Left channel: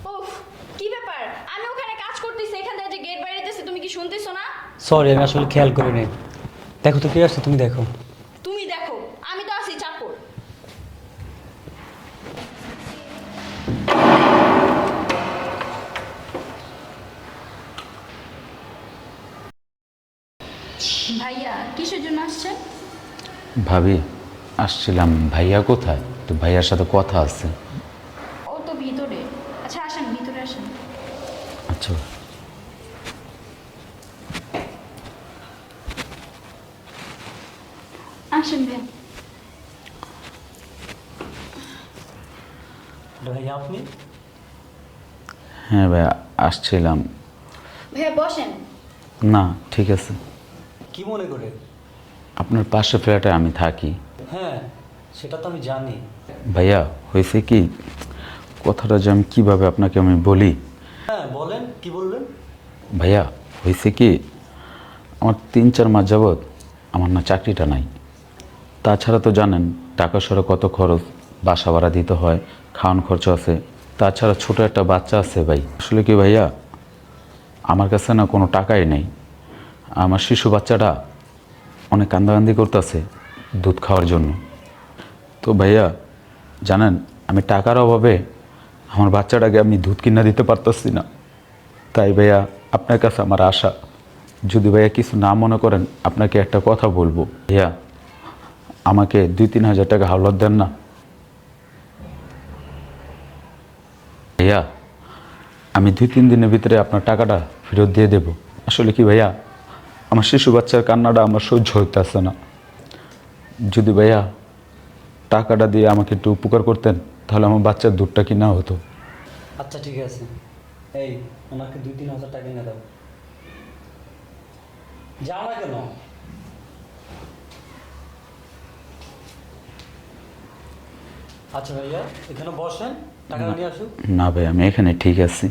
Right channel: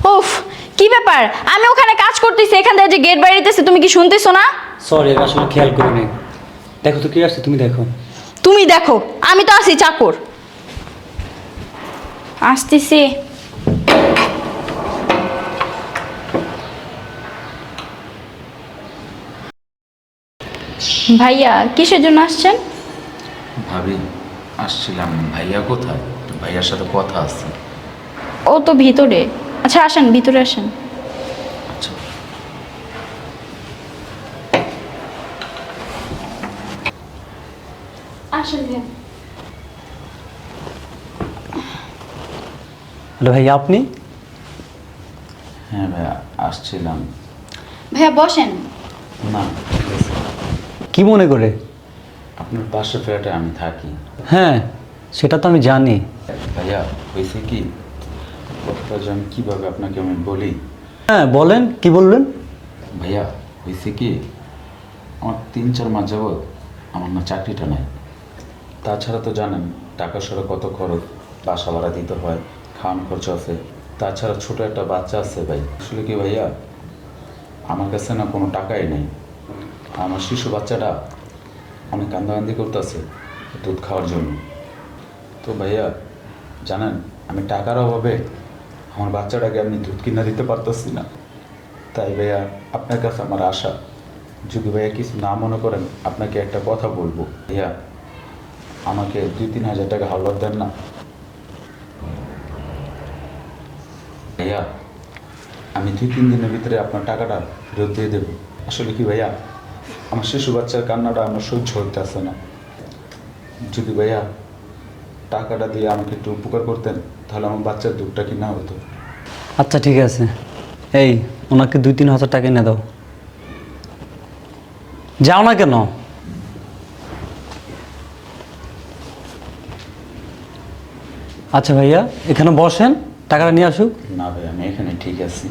উফ, কি ব্যাপার? আমি ওখানে কাজ করতেছি, এখান থেকে যে গেট বাইরেতেছে তুমি কি শুনতেছো না? সরি, আসলে খেয়াল করিনি। দেখো তো কে আসছে, তুমি দেখো। তুমি দেখো, আমি তো আছি চাকর। আসতেছি। ভাইয়া কিসের জন্য আসছেন? ভাবি, আসছিলাম। ভাইয়া কোথায়? তো ভাইয়ার সাথে কথা আছে। ও তো ভিতরে। আচ্ছা আসেন, ভিতরে আসেন। আচ্ছা। আসেন ভাইয়া। হ্যালো ভাইয়া, আপনি? হ্যাঁ ভাইয়া, আসছিলাম। ভাইয়া বসেন। না, ঠিক আছে। কি মনে করে? আপনার পাশের ফ্ল্যাটে আমি থাকি। হ্যাঁ, সেটা তো আমি জানি। ভাইয়া, হয়েছে কি, কথাটা যে আমি কীভাবে আপনাকে আমি বলি। হ্যাঁ বলেন, কি বললেন? ভাইয়া, হয়েছে কি, আমার 3-4 মাস যাবৎ আমার না চাকরিটা নাই। তাছাড়া তো জানেন টাকা সরে কত খরচ, বাসা ভাড়া দিতে হয়, খাওয়ান খরচ আছে, তাছাড়া ছোট একটা বাচ্চা আছে। ভাই আসলে কি ভাইয়া, আমার কাছে না কোনো টাকাই নেই। আমার শিশু বাচ্চাটা অনেক কান্দাকান্দি করতেছে দুধ খাওয়ার জন্য। তো ভাইয়া জানেন, আমি টাকার অভাবে আমার বাচ্চাটাকে আমি দুধ কিনে দিতে পারতেছি না। তাই ভাইয়া আপনার কাছে আমার আশা, যদি ভাইয়া কিছু না মনে করেন আপনাকে একটা কথা বলবো। ভাইয়া আমাকে 2-3 হাজার টাকা হাওলাত দেন না। ভাইয়া আমি 2-3 দিনের ভিতরে আপনার টাকাটা ফেরত দিয়ে দেব। আসলে কি ভাইয়া, আমার শিশু বাচ্চার কান্নাটা আমার সহ্য হইতেছে না। যদি ভাইয়া টাকাটা দিয়ে আমাকে একটু উপকার করতেন, তাহলে আমার বাচ্চার দুধটা কিনা হতো। আচ্ছা ঠিক আছে, এই ওনাকে 2-3 হাজার টাকা এনে দাও। যাও না কেন? আচ্ছা ভাইয়া, এখানে বসেন, টাকাটা নিয়ে আসুক। না ভাই, আমি এখানে ঠিক আছি।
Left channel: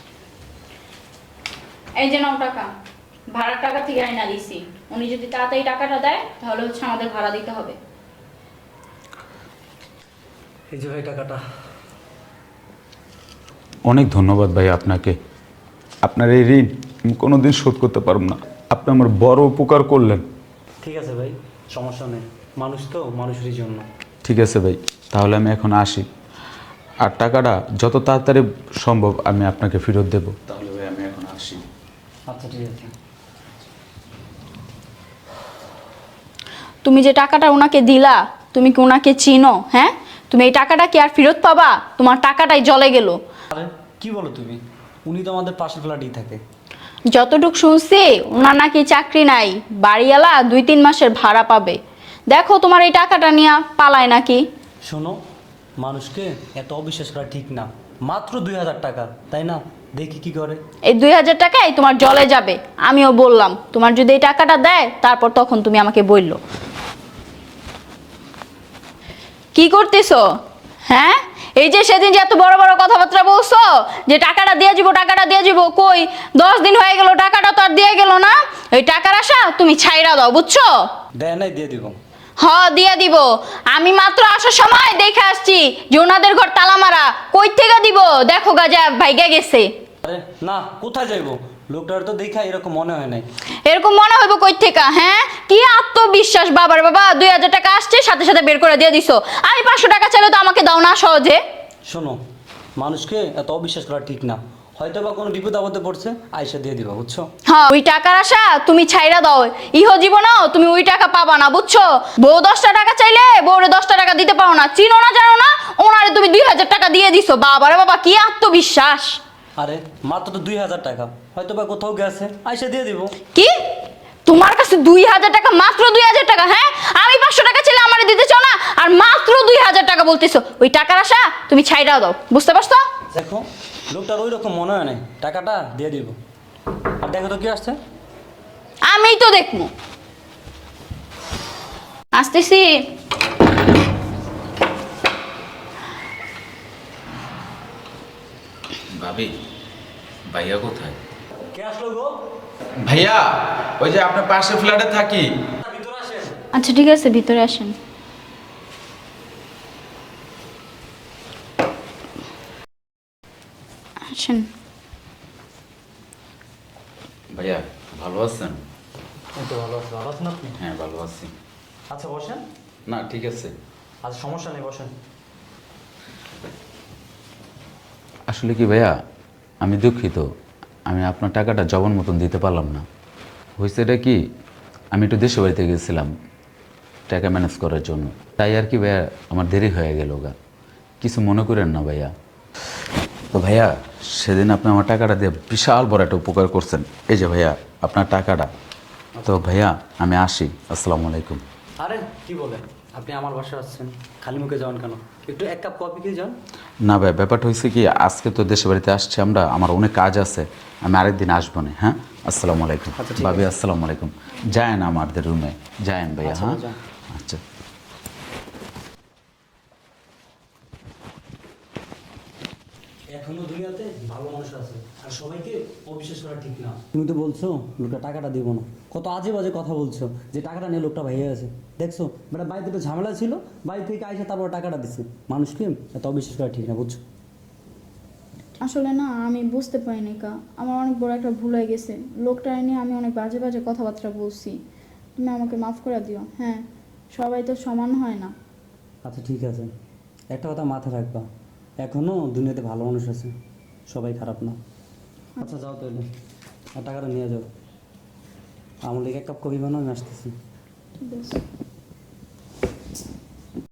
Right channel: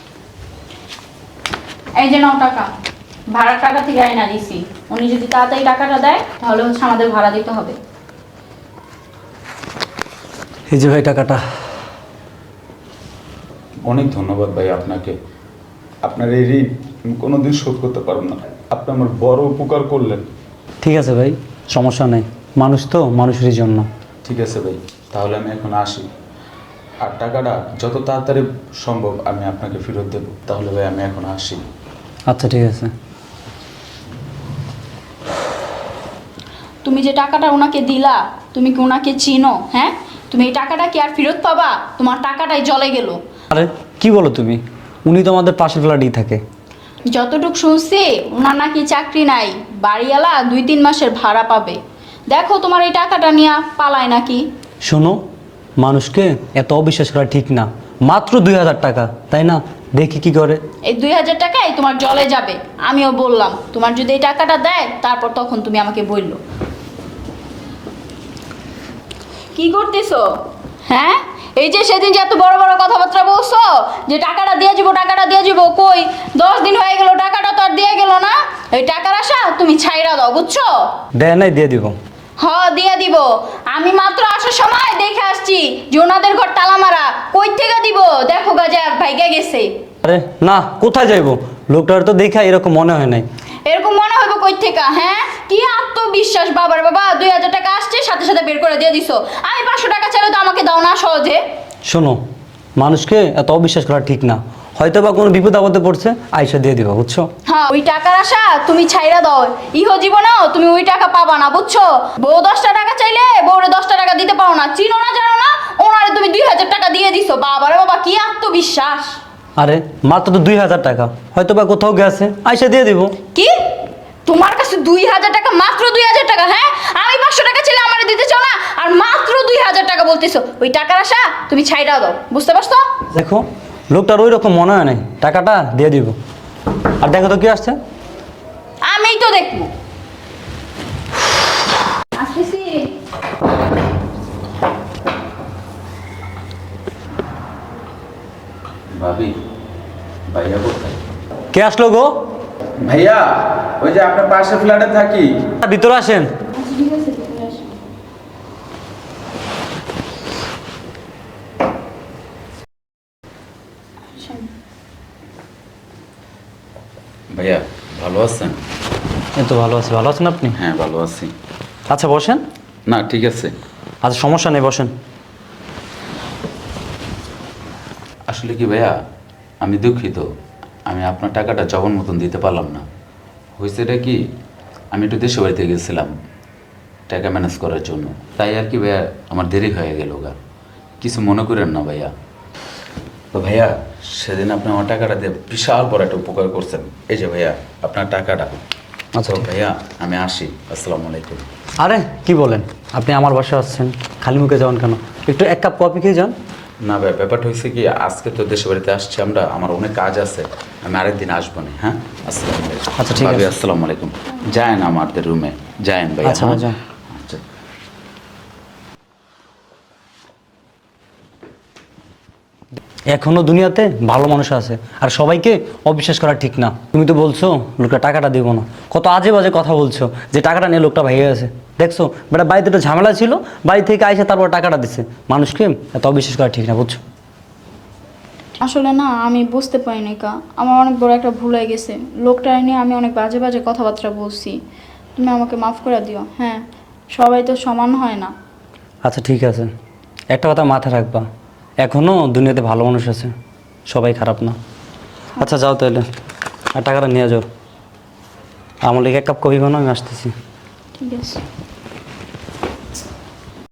এই যে নাও টাকা, ভাড়ার টাকা থেকে আইনা দিছি। উনি যদি তাড়াতাড়ি টাকাটা দেয় তাহলে হচ্ছে আমাদের ভাড়া দিতে হবে। এই যে ভাই টাকাটা। অনেক ধন্যবাদ ভাই আপনাকে। আপনার এই ঋণ আমি কোনোদিন শোধ করতে পারব না। আপনি আমার বড় উপকার করলেন। ঠিক আছে ভাই, সমস্যা নেই, মানুষ তো মানুষেরই জন্য। ঠিক আছে ভাই, তাহলে আমি এখন আসি। আর টাকাটা যত তাড়াতাড়ি সম্ভব আমি আপনাকে ফেরত দেব। তাহলে ভাই আমি এখন আসি। আচ্ছা ঠিক আছে। তুমি যে টাকাটা ওনাকে দিলা, তুমি কি ওনাকে চিনো? হ্যাঁ, তুমি এই টাকাটা কি আর ফেরত পাবা? তোমার টাকাটাই জলে গেল। আরে কি বলো তুমি, উনি তো আমাদের পাশের ফ্ল্যাটেই থাকে। যতটুক শুনছি ওনার নাকি চাকরি নাই, বাড়িওয়ালা 2-3 মাসের ভাড়া পাবে। দেখো তোমার এই টাকাটা নিয়ে পালায় নাকি। শোনো, মানুষকে এত অবিশ্বাস করা ঠিক না। মাত্র 2,000 টাকা, তাই না? দেখি কি করে। এই 2,000 টাকাই তোমার জলে যাবে। আমিও বললাম তোমার যদি এই টাকাটা দেয় তারপর তখন তুমি আমাকে বললো। কি করতেছো? হ্যাঁ, এই যে সেদিন যে এত বড় বড় কথাবার্তা বলছো যে টাকাটা দিয়ে যাবো, টাকাটা দিয়ে যাবো, কই 10 দিন হয়ে গেল, টাকাটা তো আর দিয়ে গেল না। এই টাকার আশা তুমি ছাইড়া দাও, বুঝছো? দেয় নাই, দিয়ে দিব। দিয়ে দিব। আমি মাত্র আসার সময় দেখে আসছি যে ওনাদের ঘর তালা মারা। কই থেকে দিব? দেখো গাজা ভাইগা গেছে। আরে না, কোথায় যাইবো? লোকটার তো দেখা এরকম মনে হয় নাই। এরকম মনে হইব কই থেকে? হ্যাঁ, কি আত্মবিশ্বাস বাবার বাবা। 2,000 টাকা আসছে, সাথে সাথে বের করে দিয়ে দিছো। আমি 500 টাকা চাইলে তো আমাকে দাও না সহজে। শোনো, মানুষকে এত অবিশ্বাস করা ঠিক না। হয়তো বা কোনো বিপদ আপদে পড়ছে, আইসা দিয়ে দিবা, বুঝছো? হ্যাঁ, ওই টাকার আশা তুমি ছাইড়া দাও। ইহ জীবনেও তুমি ওই টাকা পাবা না, বুঝছো? বউ 10টা টাকা চাইলে বউরে 10টা টাকা দিতে পারো না, চিনো না জানো না, ওনারে তুমি 2,000 টাকা দিয়ে দিছো। বাবারে বাবা, কি আত্মবিশ্বাস। আরে মাত্র তো 2,000 টাকা, হয়তো বা কোথাও গেছে, আইসা দিয়ে দিব। কি তোমার কাছে 2,000 টাকা? মাত্র 2,000 টাকা? হ্যাঁ, আমি 500 টাকা চাইলে আমারে দিতে চাও না, আর মাত্র 2,000 টাকা বলতেছো। ওই টাকার আশা তুমি ছাইড়া দাও, বুঝতে পারছো? দেখো, লোকটার ওই রকম মনে হয় নাই, টাকাটা দিয়ে দিব। আর দেখো তো কি আসছে। আমিই তো দেখবো। আসতেছি। ভাবি, ভাইয়া কোথায়? কে আসলো গো? ভাইয়া, ওই যে আপনার পাশের ফ্ল্যাটে থাকি। ভিতরে আসেন। আচ্ছা ঠিক আছে, ভিতরে আসেন। আসেন। ভাইয়া ভালো আছেন? এই তো ভালো আছি। ভালো আছেন আপনি? হ্যাঁ ভালো আছি। আচ্ছা বসেন। না ঠিক আছে। আচ্ছা সমস্যা নেই, বসেন। আসলে কি ভাইয়া, আমি দুঃখিত, আমি আপনার টাকাটা জবন মতন দিতে পারলাম না। হয়েছে এটা কি, আমি একটু দেশে বাড়িতে গেছিলাম টাকা ম্যানেজ করার জন্য, তাই আর কি ভাইয়া আমার দেরি হয়ে গেল গা। কিছু মনে করেন না ভাইয়া। তো ভাইয়া সেদিন আপনি আমার টাকাটা দিয়ে বিশাল বড় একটা উপকার করছেন। এই যে ভাইয়া আপনার টাকাটা। আচ্ছা তো ভাইয়া আমি আসি, আসসালামু আলাইকুম। আরে কি বলেন, আপনি আমার বাসায় আসছেন, খালি মুখে যাবেন কেন? একটু এক কাপ কফি খেয়ে যান। না ভাই, ব্যাপারটা হয়েছে কি, আজকে তো দেশে বাড়িতে আসছি আমরা, আমার অনেক কাজ আছে, আমি আরেকদিন আসবো না। হ্যাঁ আসসালামু আলাইকুম। আচ্ছা, ঠিক ভাবি, আছে। আসসালামু আলাইকুম। যায়েন আমাদের রুমে, যায়েন ভাই। আচ্ছা, যান। আচ্ছা। এখনো দুনিয়াতে ভালো মানুষ আছে, আর সবাইকে অবিশ্বাস করা ঠিক না। তুমি তো বলছো লোকটা টাকাটা দিব না, কত আজে বাজে কথা বলছো যে টাকাটা নিয়ে লোকটা ভাইয়া আছে। দেখছো বেটা, বাড়িতে একটা ঝামেলা ছিল, বাড়ি থেকে আইসে তারপর টাকাটা দিছে। মানুষকে এত অবিশ্বাস করা ঠিক না, বুঝছো? আসলে না, আমি বুঝতে পারিনি কা, আমার অনেক বড় একটা ভুল হয়ে গেছে। লোকটা নিয়ে আমি অনেক বাজে বাজে কথাবার্তা বলছি। তুমি আমাকে মাফ করে দিও। হ্যাঁ, সবাই তো সমান হয় না। আচ্ছা ঠিক আছে, একটা কথা মাথায় রাখবা, এখনো দুনিয়াতে ভালো মানুষ আছে, সবাই খারাপ না। আচ্ছা যাও তাহলে, আর টাকাটা নিয়ে যাও। আমার লেগে এক কাপ কফি বানাও, আমি আসতেছি। ঠিক আছে।